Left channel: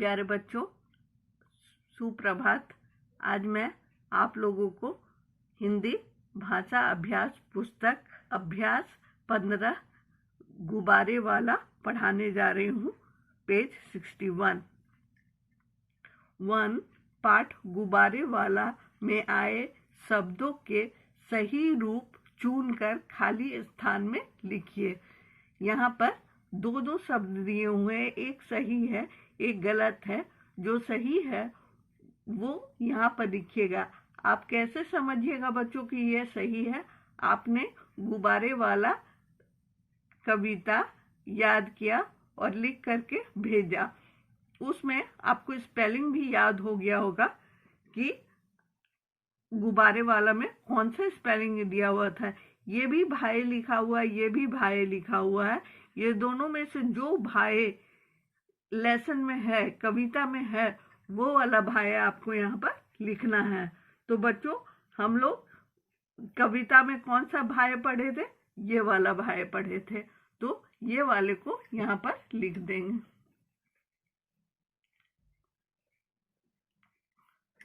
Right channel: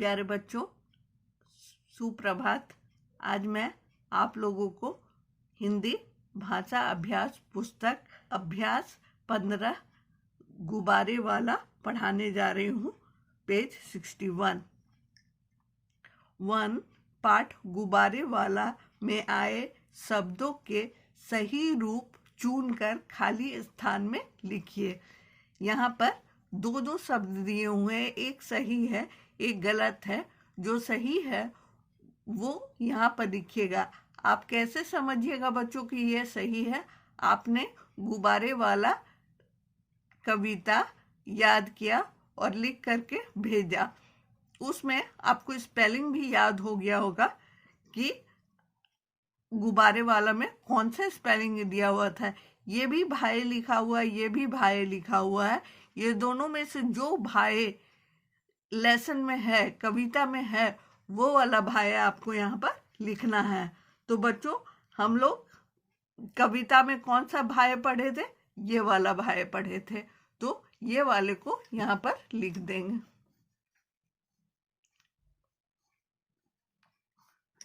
प्यारे बच्चों, सुप्रभात। आज मैं आप लोगों को हिंदी भाषा अभ्यास पुस्तक अभ्यास 15 गुब्बारे वाला पढ़ाने जा रही हूँ। पेज 61। 1 पाठ गुब्बारे वाला में आए शब्दों के सही रूप चुनकर खाली स्थान में लिखिए। यहाँ पर दो शब्द दिए हुए हैं, एक सही है एक गलत है। जो सही है वो यहाँ पर लिखिएगा। आप कैसे समझिएगा बच्चों कि ये सही है? आपने गुब्बारे वाला कविता याद किया और लिख करके भेजा। उसमें आपको स्पेलिंग भी याद हो गया होगा कि गुब्बारे वाला में कौन सा स्पेलिंग दिया हुआ था। ये भी भाई लिखा हुआ है, ये भी भाई लिखा हुआ है। ये दोनों में से जो भाई लेसन में है, कविता में है, वो वाला भाई आपको यहाँ पर लिखना है। तो बच्चों, हम लोग कविता में कौन सा भाई पढ़े थे? ये वाला भाई पढ़े थे, तो ये वाले को यहाँ पर लिख देंगे।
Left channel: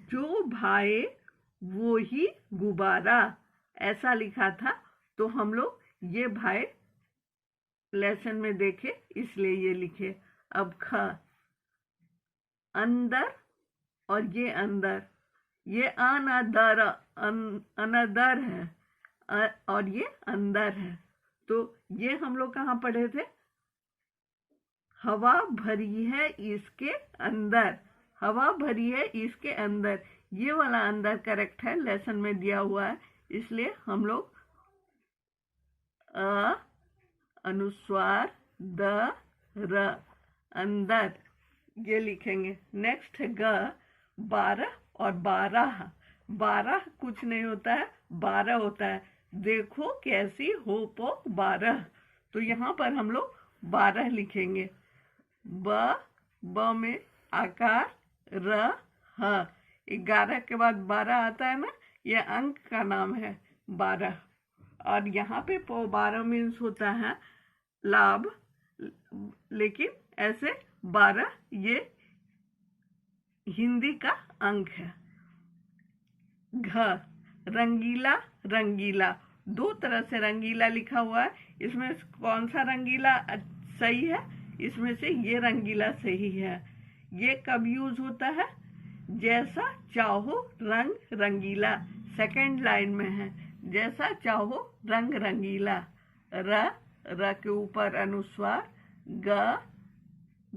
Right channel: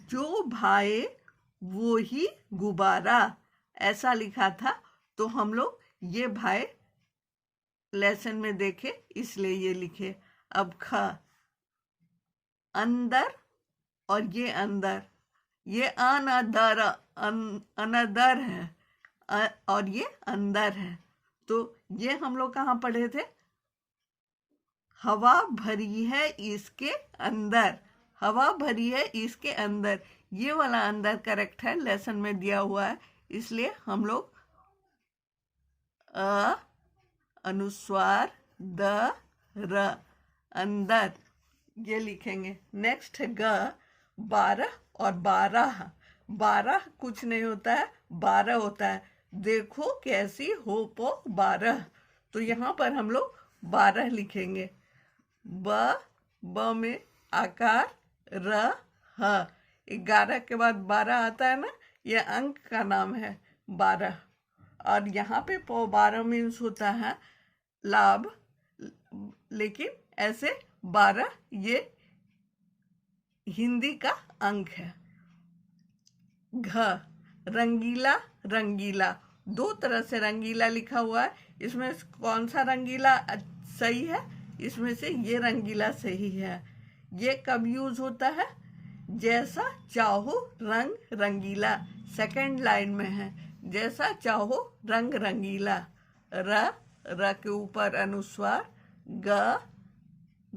जो भाई वो ही गुब्बारा, ऐसा लिखा था। तो हम लोग ये भाई लेसन में देखे, इसलिए ये लिखे। अब ख, अंदर और ये अंदर, ये अनदर अनदर है और ये अंदर है। तो ये हम लोग कहाँ पढ़े थे? हवा भरी है इसके अंदर, हवा भरी है इसके अंदर। ये वाला अंदर करेक्ट है, लेसन में दिया हुआ है, इसलिए हम लोग अ अनुस्वार द र, अंदर, ये लिखेंगे। नेक्स्ट है ग, 12 और 12। 12 कुछ नहीं होता है, 12 होता है। देखो कैसी हो पो 12। तो यहाँ पर हम लोग 12 लिखेंगे। ब में आकार, र ह। 11 के बाद 12 आता है ना, यह अंक का नाम है 12। और यहाँ पे 12 मीन्स होता है लाभ, लेकिन ऐसे 12 ये हिंदी का अंक है। घ, रंगीला रंगीला, दो तरह से रंगीला लिखा हुआ है। इसमें कौन सा रंगीला सही है? इसमें से ये रंगीला सही है। ये कब यूज होता है? जैसा चाहो रंग रंगीला, सेकंड लाइन में है। जैसा चाहो रंग रंगीला। र के ऊपर अनुस्वार, ग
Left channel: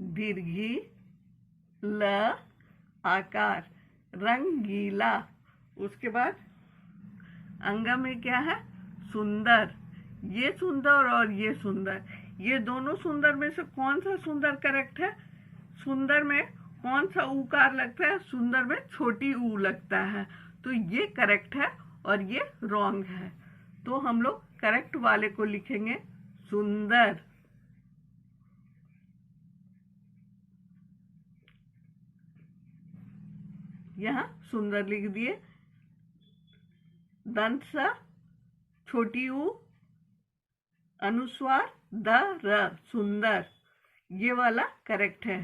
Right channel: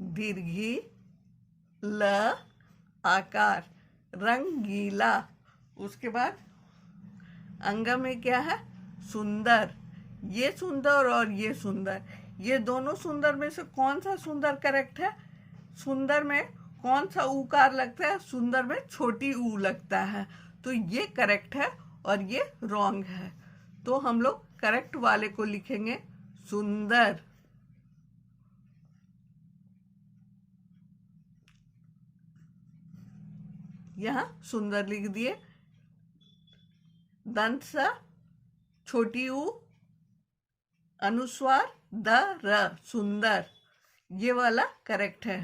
दीर्घी, ल आकार, रंगीला। उसके बाद अंग में क्या है? सुंदर। ये सुंदर और ये सुंदर, ये दोनों सुंदर में से कौन सा सुंदर करेक्ट है? सुंदर में कौन सा उकार लगता है? सुंदर में छोटी ऊ लगता है। तो ये करेक्ट है और ये रॉन्ग है। तो हम लोग करेक्ट वाले को लिखेंगे सुंदर। यहाँ सुंदर लिख दिए। दंत सा, छोटी ऊ, अनुस्वार द र, सुंदर, ये वाला करेक्ट है।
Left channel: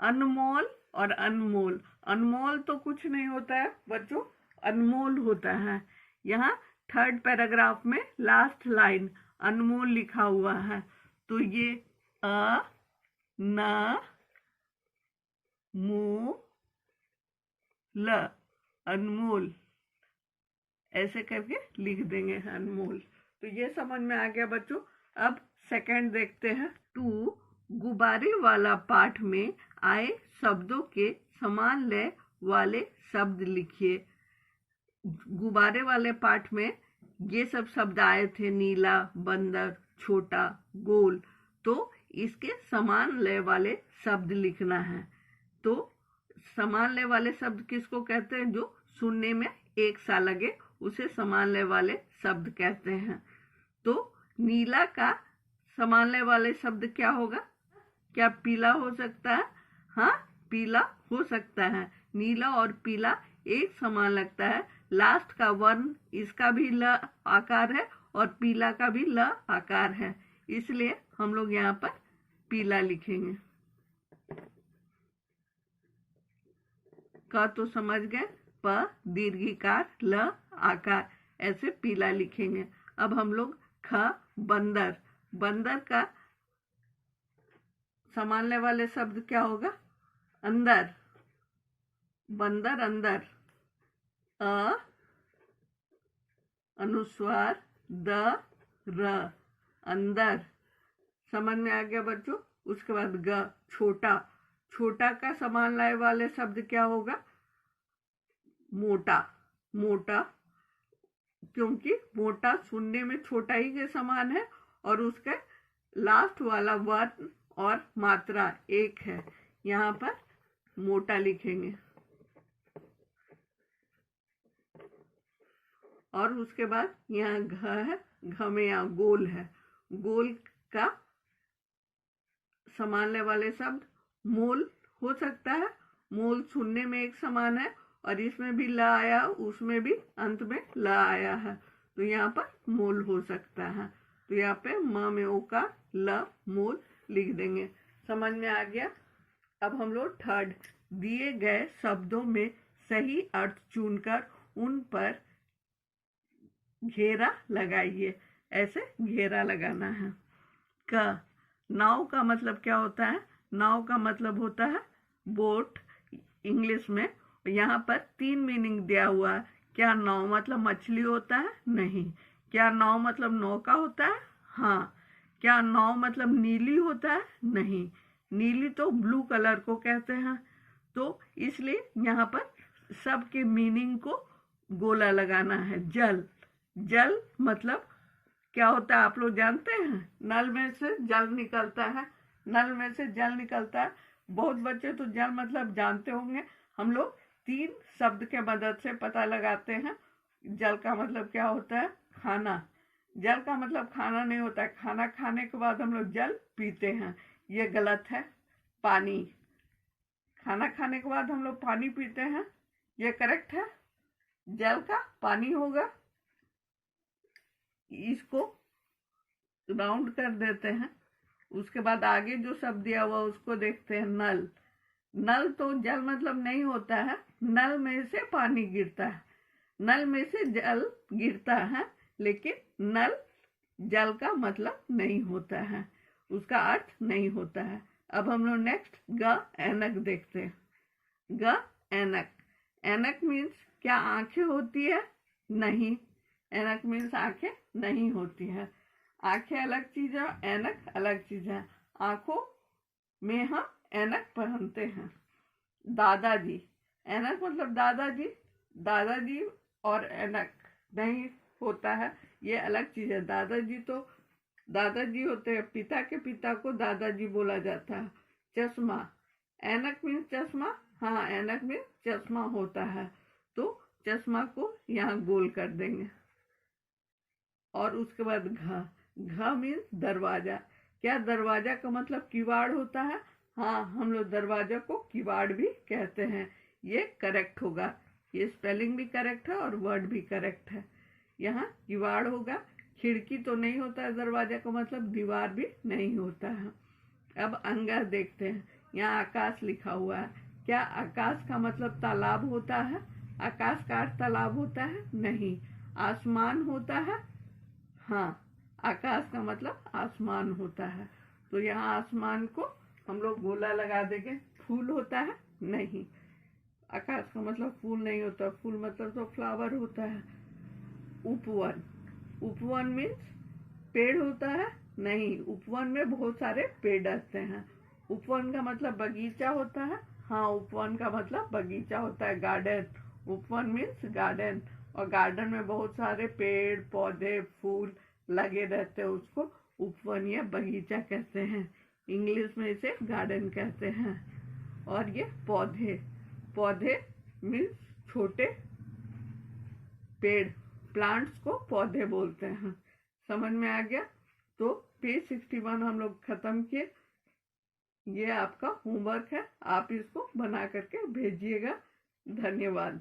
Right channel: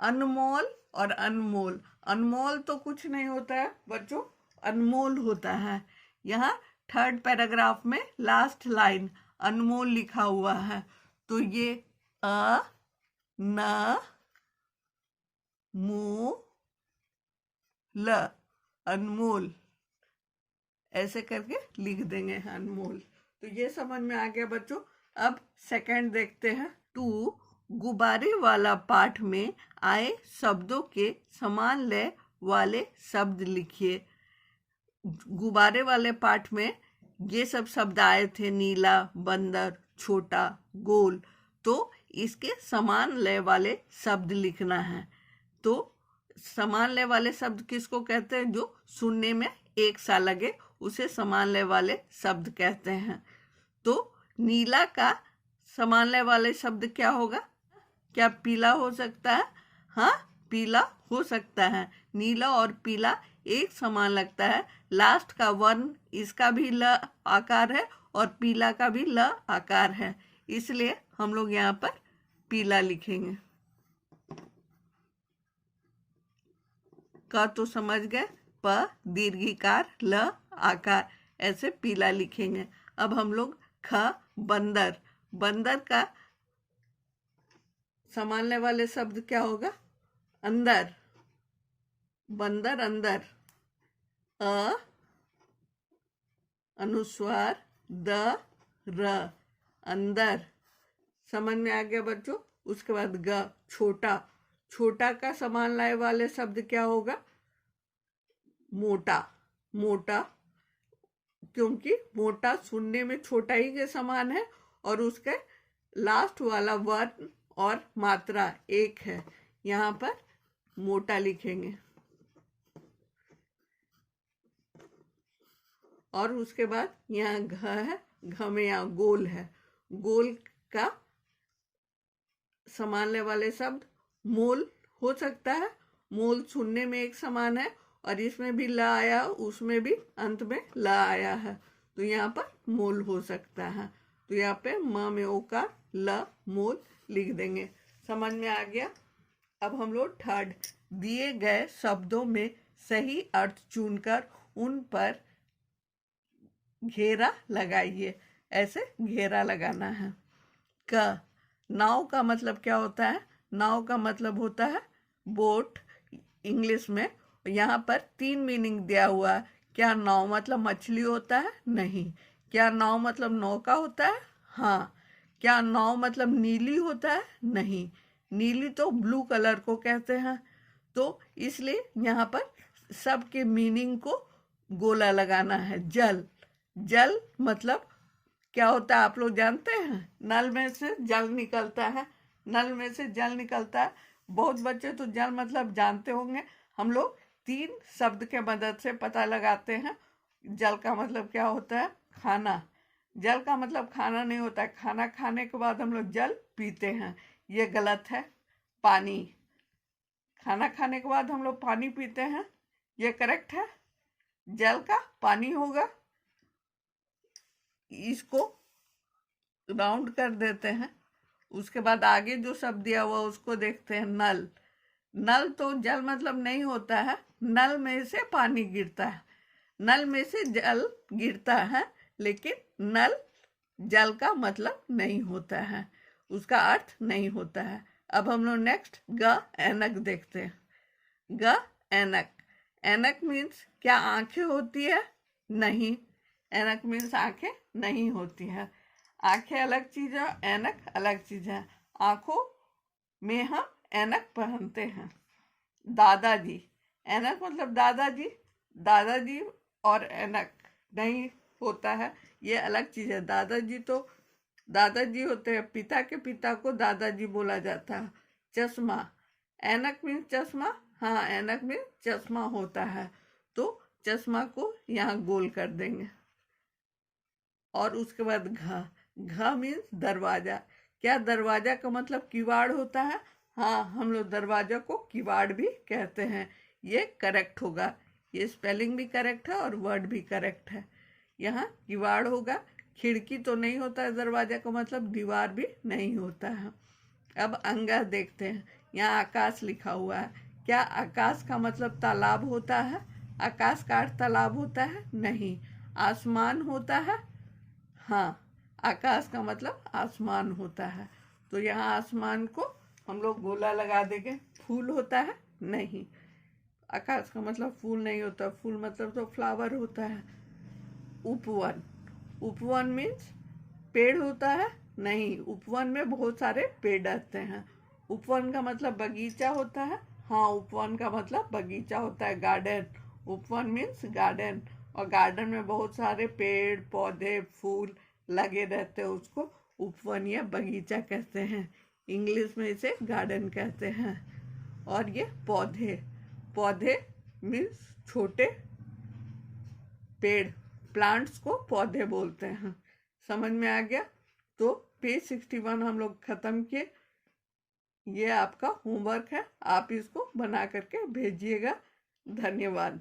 अनमोल और अनमोल, अनमोल तो कुछ नहीं होता है बच्चों, अनमोल होता है। यहाँ थर्ड पैराग्राफ में लास्ट लाइन अनमोल लिखा हुआ है। तो ये अ न मो ल, अनमोल, ऐसे करके लिख देंगे अनमोल। तो ये समझ में आ गया बच्चों। अब सेकंड देखते हैं। 2 गुब्बारे वाला पाठ में आए शब्दों के समान लय वाले शब्द लिखिए। गुब्बारे वाले पाठ में ये सब शब्द आए थे, नीला, बंदर, छोटा, गोल। तो इसके समान लय वाले शब्द लिखना है। तो समान लय वाले शब्द किसको कहते हैं? जो सुनने में एक सा लगे, उसे समान लय वाले शब्द कहते हैं। तो नीला का समान लय वाले शब्द क्या होगा? क्या पीला हो सकता है? हाँ, पीला हो सकता है। नीला और पीला एक समान लगता है। लास्ट का वर्ण, इसका भी ल आकार है और पीला का भी ल आकार है, इसलिए हम लोग यहाँ पर पीला लिखेंगे। क तो समझ गए, प दीर्घिकार, ल आकार, ऐसे पीला लिखेंगे। अब हम लोग ख बंदर, बंदर का संभालने वाले शब्द क्या होगा? अंदर, बंदर अंदर, अ अनुस्वार द र, अंदर। समझ में आ गया बच्चों? उसके बाद ग छोटा, छोटा का संभालने वाले शब्द क्या होगा? मोटा, मोटा, क्योंकि मोटा सुनने में छोटा ही के समान है और उसके लास्ट वाला वर्ण और मात्रा एक है, यहाँ पर मोटा लिखेंगे। और उसके बाद यहाँ घ है, घ में यहाँ गोल है, गोल का संभालने वाले शब्द मोल हो सकता है, मोल सुनने में एक समान है और इसमें भी ल आया, उसमें भी अंत में ल आया है, तो यहाँ पर मोल हो सकता है। तो यहाँ पे म में ओकार, ल मोल लिख देंगे। समझ में आ गया? अब हम लोग थर्ड, दिए गए शब्दों में सही अर्थ चुनकर उन पर घेरा लगाइए। ऐसे घेरा लगाना है। क नाव का मतलब क्या होता है? नाव का मतलब होता है बोट इंग्लिश में। यहाँ पर 3 मीनिंग दिया हुआ है। क्या नाव मतलब मछली होता है? नहीं। क्या नाव मतलब नौका होता है? हाँ। क्या नाव मतलब नीली होता है? नहीं, नीली तो ब्लू कलर को कहते हैं। तो इसलिए यहाँ पर सबके मीनिंग को गोला लगाना है। जल, जल मतलब क्या होता है आप लोग जानते हैं? नल में से जल निकलता है, नल में से जल निकलता है। बहुत बच्चे तो जल मतलब जानते होंगे। हम लोग 3 शब्द के मदद से पता लगाते हैं। जल का मतलब क्या होता है? खाना। जल का मतलब खाना नहीं होता है, खाना खाने के बाद हम लोग जल पीते हैं, ये गलत है। पानी, खाना खाने के बाद हम लोग पानी पीते हैं, ये करेक्ट है। जल का पानी होगा। इसको राउंड कर देते हैं। उसके बाद आगे जो शब्द दिया हुआ उसको देखते हैं। नल, नल तो जल मतलब नहीं होता है, नल में से पानी गिरता है, नल में से जल गिरता है, लेकिन नल जल का मतलब नहीं होता है, उसका अर्थ नहीं होता है। अब हम लोग नेक्स्ट ग ऐनक देखते हैं। ग ऐनक, ऐनक मीन्स क्या आंखें होती है? नहीं, ऐनक मीन्स आंखें नहीं होती है। आंखें अलग चीज है, ऐनक अलग चीज है। आंखों में हम ऐनक पहनते हैं। दादाजी, ऐनक मतलब दादाजी, दादाजी और ऐनक नहीं होता है, ये अलग चीज है। दादाजी तो दादाजी होते हैं, पिता के पिता को दादाजी बोला जाता है। चश्मा, ऐनक मीन्स चश्मा, हाँ ऐनक मीन्स चश्मा होता है, तो चश्मा को यहाँ गोल कर देंगे। और उसके बाद घ, घ मीन्स दरवाजा। क्या दरवाजा का मतलब किवाड़ होता है? हाँ, हम लोग दरवाजा को किवाड़ भी कहते हैं, ये करेक्ट होगा। ये स्पेलिंग भी करेक्ट है और वर्ड भी करेक्ट है। यहाँ किवाड़ होगा। खिड़की तो नहीं होता है, दरवाजा का मतलब दीवार भी नहीं होता है। अब अंगा देखते हैं। यहाँ आकाश लिखा हुआ है। क्या आकाश का मतलब तालाब होता है? आकाश का अर्थ तालाब होता है? नहीं। आसमान होता है? हाँ, आकाश का मतलब आसमान होता है, तो यहाँ आसमान को हम लोग गोला लगा देंगे। फूल होता है? नहीं, आकाश का मतलब फूल नहीं होता, फूल मतलब तो फ्लावर होता है। उपवन, उपवन मीन्स पेड़ होता है? नहीं, उपवन में बहुत सारे पेड़ रहते हैं। उपवन का मतलब बगीचा होता है? हाँ, उपवन का मतलब बगीचा होता है, गार्डन। उपवन मीन्स गार्डन, और गार्डन में बहुत सारे पेड़ पौधे फूल लगे रहते हैं, उसको उपवन या बगीचा कहते हैं। इंग्लिश में इसे गार्डन कहते हैं। और ये पौधे, पौधे मीन्स छोटे पेड़, प्लांट्स को पौधे बोलते हैं। समझ में आ गया? तो पेज 61 हम लोग खत्म किए। ये आपका होमवर्क है, आप इसको बना करके भेजिएगा। धन्यवाद।